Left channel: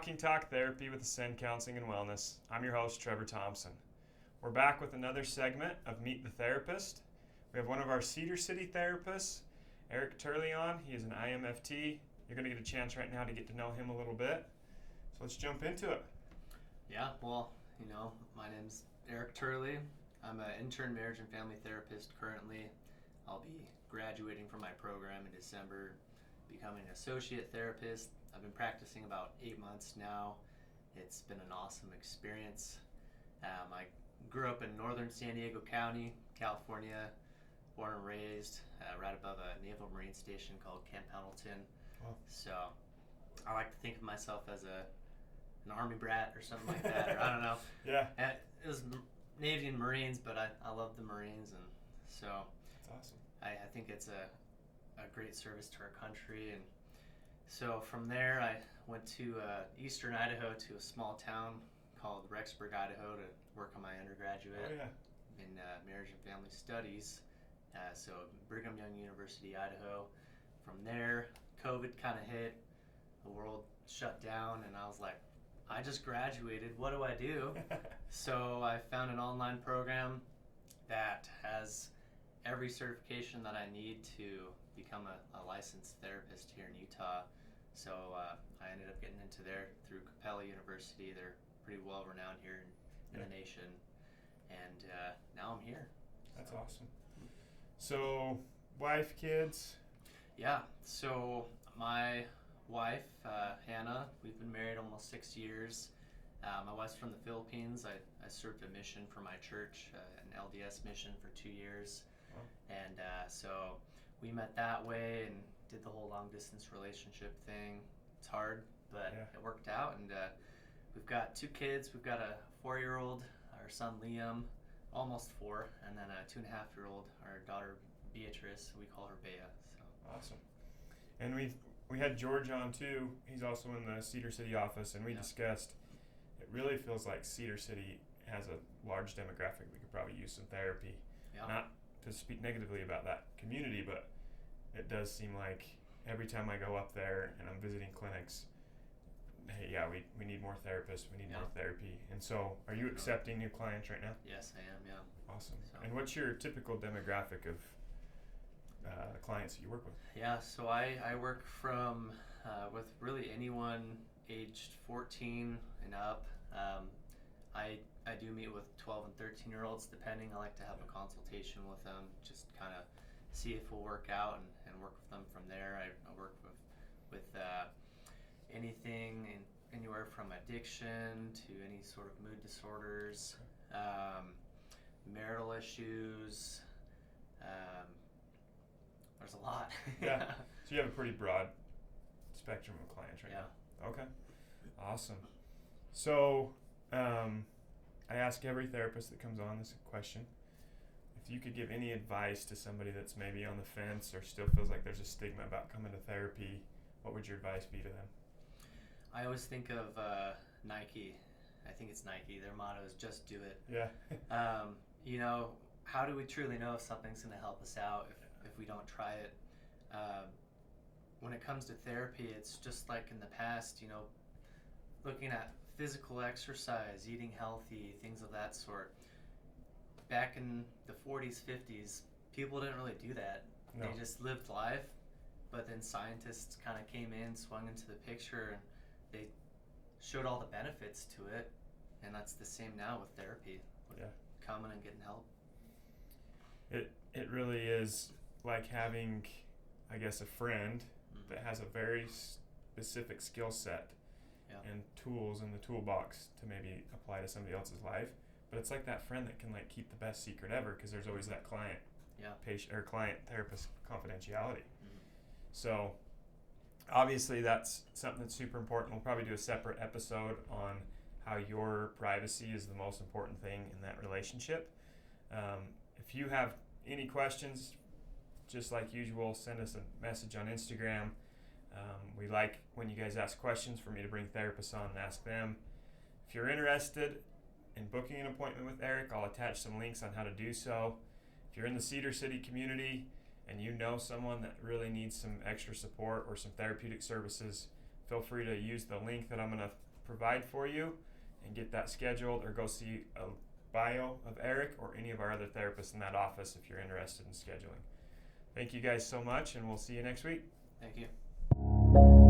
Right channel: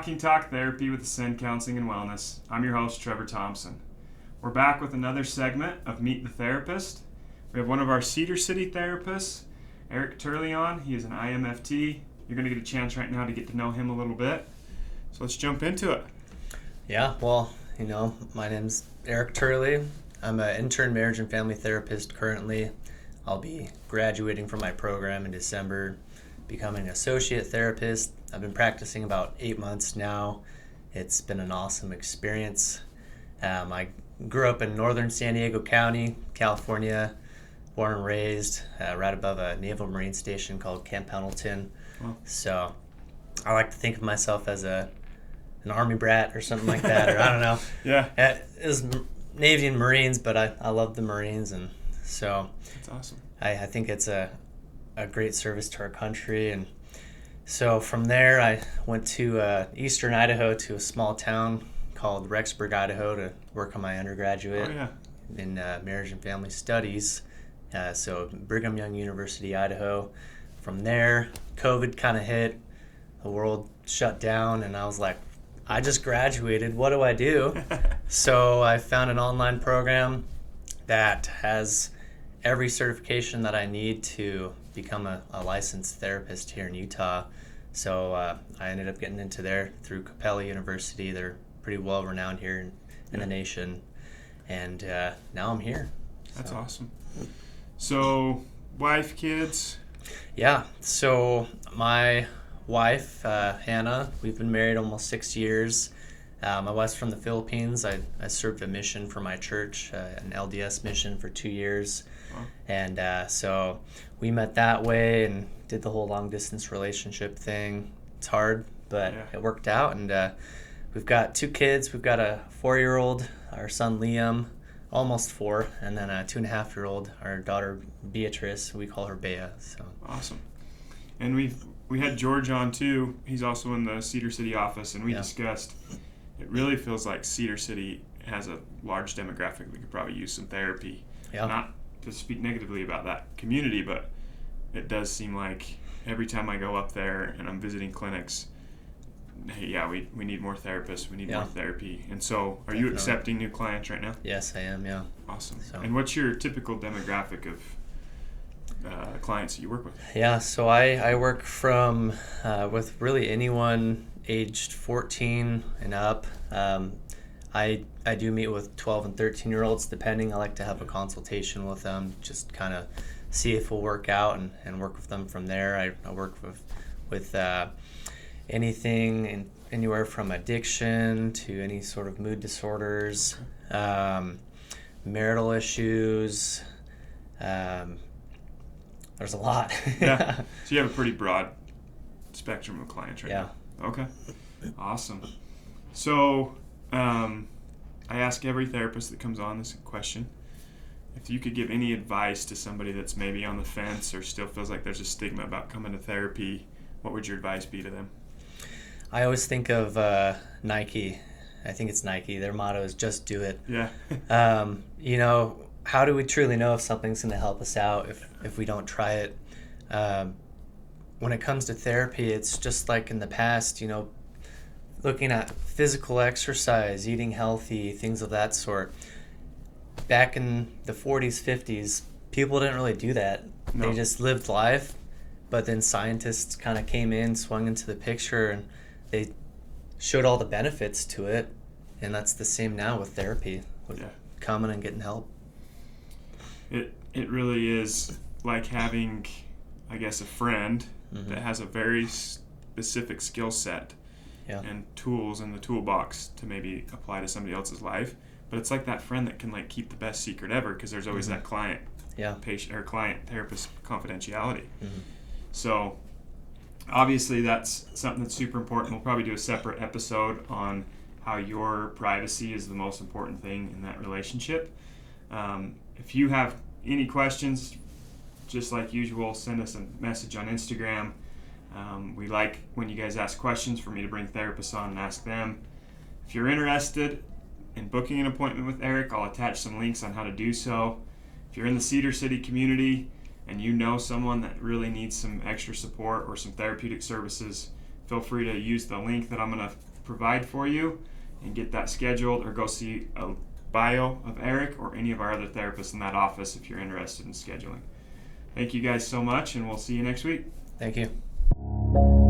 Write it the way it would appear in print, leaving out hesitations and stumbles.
Walking Talk Therapy with Ascend Counseling and Wellness. I'm your host, Trevor Thompson. We're back with another segment of Meet the Therapist. We have one of our Cedar City therapists, Erik Turley, on. He is an IMFT. You're going to get a chance right now to get to know him a little bit. So let's jump into it. Yeah, well, my name's Erik Turley. I'm an intern marriage and family therapist currently. I'll be graduating from my program in December, becoming an associate therapist. I've been practicing about 8 months now. It's been an awesome experience. I grew up in northern San Diego County, California, born and raised right above a Naval Marine station called Camp Pendleton. Wow. So I like to think of myself as an Army brat or something like that, or I don't know. Yeah. It was Navy and Marines, but I love the Marines, and so that's awesome. I think it's a great service to our country. And so from there, I went to eastern Idaho to a small town called Rexburg, Idaho, to work on my undergraduate in marriage and family studies. So Brigham Young University, Idaho. From there, COVID kind of hit. The world shut down, and I was like, I just graduated. What do I do? So I found an online program that has every certification that I need to become a licensed therapist here in Utah. So I ended up getting into there through Capella University. They're pretty well renowned here in the nation, and now I'm here. That's awesome. So wife, kids? Yeah, so my wife, Hannah, we've been married almost 6 years. My wife's from the Philippines. I served a mission for my church, an LDS mission for 2 years. Wow. And so we met that way and did the whole long-distance relationship thing. It's hard, but it worked out. And we've got 2 kids. We've got a 4-year-old, our son Liam, almost 4, and then a 2.5-year-old, our daughter Beatrice. We call her Bea. So awesome. And we had George on too. He's also in the Cedar City office, and we discussed it really feels like Cedar City has a large demographic that could probably use some therapy. Yeah. Not to speak negatively about that community, but it does seem like every time I go up there and I'm visiting clinics, hey, we need more therapists. We need more therapy. And so are you accepting new clients right now? Yes, I am, yeah. Awesome. So. And what's your typical demographic of clients that you work with? Yeah, so I work from with really anyone aged 14 and up. I do meet with 12 and 13-year-olds depending. I like to have a consultation with them, just kind of see if we'll work out and work with them from there. I work with anything anywhere from addiction to any sort of mood disorders, marital issues. There's a lot. Yeah. So you have a pretty broad spectrum of clients right now. Okay. Awesome. So I ask every therapist that comes on this question, if you could give any advice to somebody that's maybe on the fence or still feels like there's a stigma about coming to therapy, what would your advice be to them? I always think of Nike. I think it's Nike. Their motto is just do it. Yeah. How do we truly know if something's going to help us out if we don't try it? When it comes to therapy, it's just like in the past, looking at physical exercise, eating healthy, things of that sort. Back in the 40s, 50s, people didn't really do that. No. They just lived life, but then scientists kind of came in, swung into the picture, and they showed all the benefits to it. And that's the same now with therapy, with coming and getting help. It really is like having, I guess, a friend that has a very specific skill set and tools in the toolbox to maybe apply to somebody else's life. But it's like that friend that can keep the best secret ever because there's always that patient or client therapist confidentiality. So obviously that's something that's super important. We'll probably do a separate episode on how your privacy is the most important thing in that relationship. If you have any questions, just like usual, send us a message on Instagram. We like when you guys ask questions for me to bring therapists on and ask them. If you're interested in booking an appointment with Erik, I'll attach some links on how to do so. If you're in the Cedar City community and you know someone that really needs some extra support or some therapeutic services, feel free to use the link that I'm going to provide for you, and get that scheduled, or go see a bio of Erik or any of our other therapists in that office if you're interested in scheduling. Thank you guys so much, and we'll see you next week. Thank you.